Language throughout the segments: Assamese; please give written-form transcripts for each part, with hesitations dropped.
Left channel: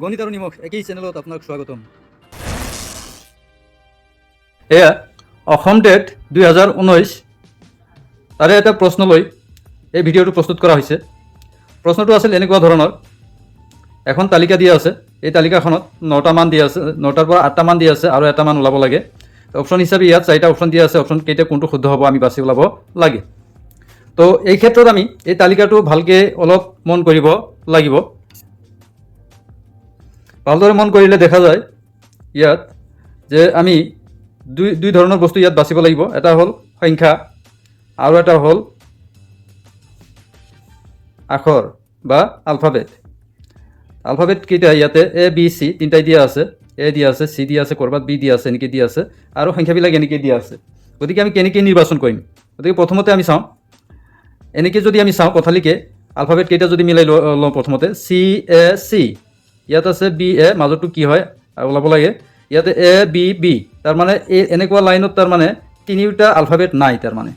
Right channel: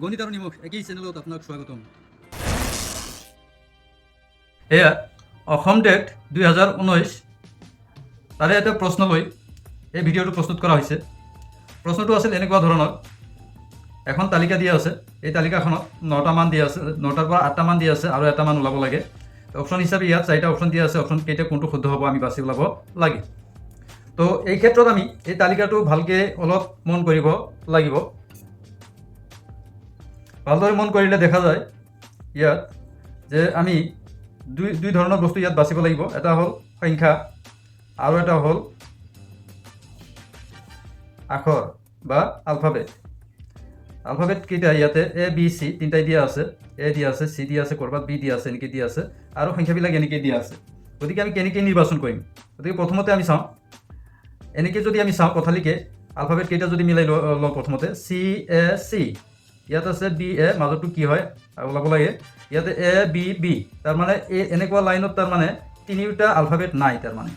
গণিত আৰু নিমখ একেই চেনেলত আপোনাক স্বাগতম। এয়া অসম টেট 2019 তাৰে এটা প্ৰশ্ন লৈ এই ভিডিঅ'টো প্ৰস্তুত কৰা হৈছে। প্ৰশ্নটো আছিল এনেকুৱা ধৰণৰ, এখন তালিকা দিয়া আছে, এই তালিকাখনত 9টা মান দিয়া আছে, 9টাৰ পৰা 8টা মান দিয়া আছে আৰু এটা মান ওলাব লাগে। অপশ্যন হিচাপে ইয়াত 4টা অপশ্যন দিয়া আছে, অপশ্যন কেইটা কোনটো শুদ্ধ হ'ব আমি বাছি ওলাব লাগে। তো এই ক্ষেত্ৰত আমি এই তালিকাটো ভালকৈ অলপ মন কৰিব লাগিব। ভালদৰে মন কৰিলে দেখা যায় ইয়াত যে আমি দুই ধৰণৰ বস্তু ইয়াত বাচিব লাগিব। এটা হ'ল সংখ্যা আৰু এটা হ'ল আখৰ বা আলফাবেট। আলফাবেট কেইটা ইয়াতে এ বি চি তিনিটাই দিয়া আছে, এ দিয়া আছে, চি দিয়া আছে, ক'ৰবাত বি দিয়া আছে, এনেকৈ দিয়া আছে আৰু সংখ্যাবিলাক এনেকৈ দিয়া আছে। গতিকে আমি কেনেকৈ নিৰ্বাচন কৰিম? গতিকে প্ৰথমতে আমি চাওঁ, এনেকৈ যদি আমি চাওঁ পথালিকে আলফাবেট কেইটা যদি মিলাই লওঁ, প্ৰথমতে চি এ চি, ইয়াত আছে বি এ, মাজতো কি হয় ওলাব লাগে, ইয়াতে এ বি বি, তাৰমানে এই এনেকুৱা লাইনত তাৰমানে তিনিওটা আলফাবেট নাই, তাৰমানে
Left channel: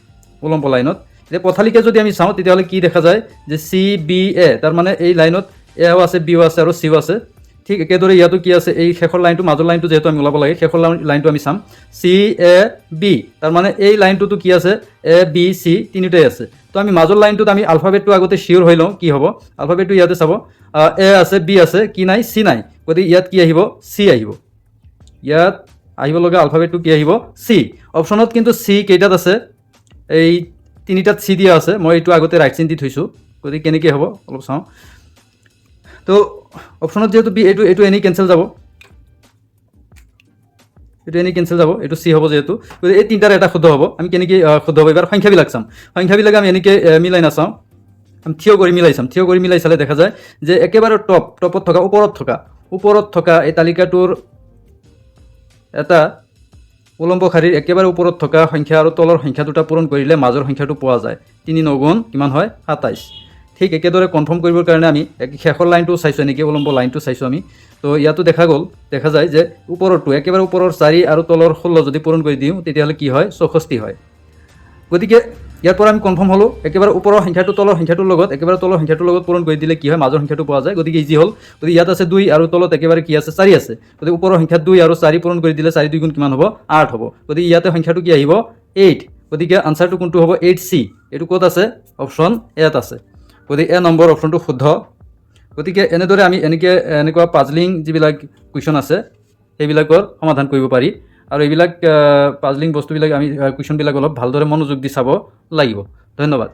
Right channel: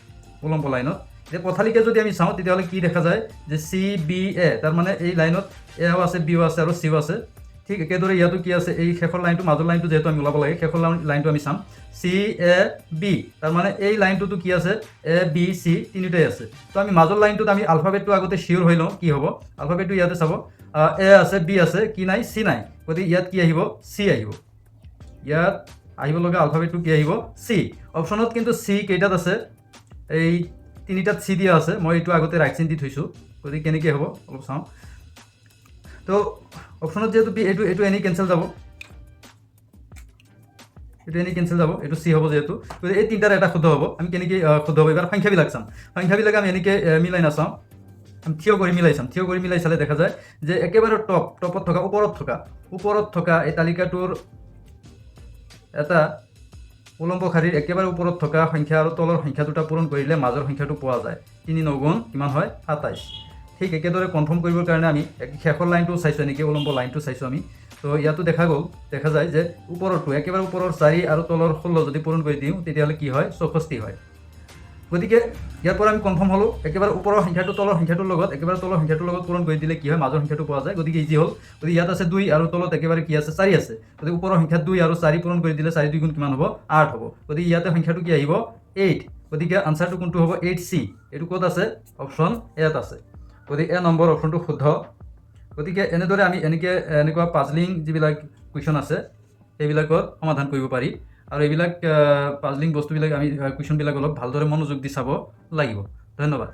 উলম্ব লাইনত। এতিয়া পথালিকে যদি আমি চাওঁ তেতিয়াহ'লে কি দেখা যায় যে চি বি এ, তাৰমানে এই লাইনত এও আছে, বিও আছে আৰু চিও আছে। ঠিক একেদৰে ইয়াতো কি আছে, এই শেষৰ লাইনটো, মাজৰ লাইনটো যিহেতু আমি ওলাব লাগে, শেষৰ লাইনটো আমি চাম চি এ বি, তাৰমানে এই লাইনটোতো কি আছে, এ বি চি তিনিটাই আছে। তো আমি মাজৰ লাইনটোত আমি আলফাবেটটো আগতে চিয়ৰ হৈ লওঁ কি হ'ব। আলফাবেটটো ইয়াতে চাব, এ আছে, বি আছে, কি নাই, চি নাই। গতিকে ইয়াত কি আহিব, চি আহিব। ইয়াত আহিব লগা আলফাবেটটো কি আহিব, চি। অপশ্যনত কিন্তু চি কেইটাত আছে, এই তিনিটাত চি দিয়া আছে। মই এইটো আগতে ৰাইট চিন দি থৈছোঁ, গতিকে কেনেকৈ হ'ব অলপ চাওঁ। তো অপশ্যনত যিহেতু বি, এইটো এনেই কেঞ্চেল যাব, এইটো এনেই কেঞ্চেল যাব, এইটো চি হ'ব যিহেতু। গতিকে এই তিনিটাৰ এটা শুদ্ধ হ'ব। আমি কেনেকৈ শুদ্ধ হ'ব, এইবাৰ সংখ্যাবিলাক চাম। সংখ্যাবিলাক আমি এনেকৈ মিলাই নাচাওঁ, থিয় কৰি মিলাই চাম। থিয় কৰি মিলাই চালে দেখা যায় যে একেবাৰে টপত থকা, ওপৰত থকা এই তালিকাটোৰ এটা উলম্ব শাৰীৰ একেবাৰে ওপৰত থকা সংখ্যা আৰু তলৰ সংখ্যা দুটা পূৰণ কৰিলে মাজৰ সংখ্যাটো পোৱা যায়। 3 9 গুণ কিমান হয়, 27। ঠিক একেদৰে কনফাৰ্ম কৰিবৰ কাৰণে আমি শেষৰ লাইনটো চাইছোঁ, এনেকৈ উলম্ব লাইনটো চাইছোঁ আমি। তো ইয়াতো দেখা যায় যে ওপৰৰটো, একেবাৰে ওপৰৰ 4 আৰু তলৰ 16 যদি পূৰণ কৰি দিওঁ তেতিয়াহ'লে কি হয়, 64 হয়। গতিকে ইয়াৰ পৰা আমি কনফাৰ্ম হ'লোঁ, একেবাৰে ওপৰৰ সংখ্যাটো তলৰ সংখ্যাটোৰ লগত, একেবাৰে তলৰ সংখ্যাটোৰ লগত পূৰণ কৰি দিলে কি হয়, মাজৰ সংখ্যাটো পোৱা যায়। গতিকে ইজি হ'ল। গতিকে ইয়াত আছে 2 আৰু তলত একেবাৰে কি আছে, 4 আছে। গতিকে ওপৰৰ সংখ্যাত 2 আৰু 4 পূৰণ কৰি দিলে 4 2 গুণ কিমান হ'ব, 8 হ'ব। গতিকে ইয়াতে সংখ্যাটো কি আহিব, 8। গতিকে আনচাৰটো কোনটো হ'ব, 8C। এইটো ক'ত আছে, অপশ্যন এত আছে। গতিকে এ নম্বৰ অপশ্যনটো শুদ্ধ। গতিকে এনেদৰে আমি এনেকুৱা পাজলিং যিবিলাক কুৱেশ্যন আছে সেইবিলাকৰ সমাধান কৰিব পাৰি। আৰু এইবিলাক পাজলিং বস্তুবিলাক আমি কুৱেশ্যনবিলাক অলপ ভালদৰে মনোযোগ দি চাব লাগিব। ধন্যবাদ।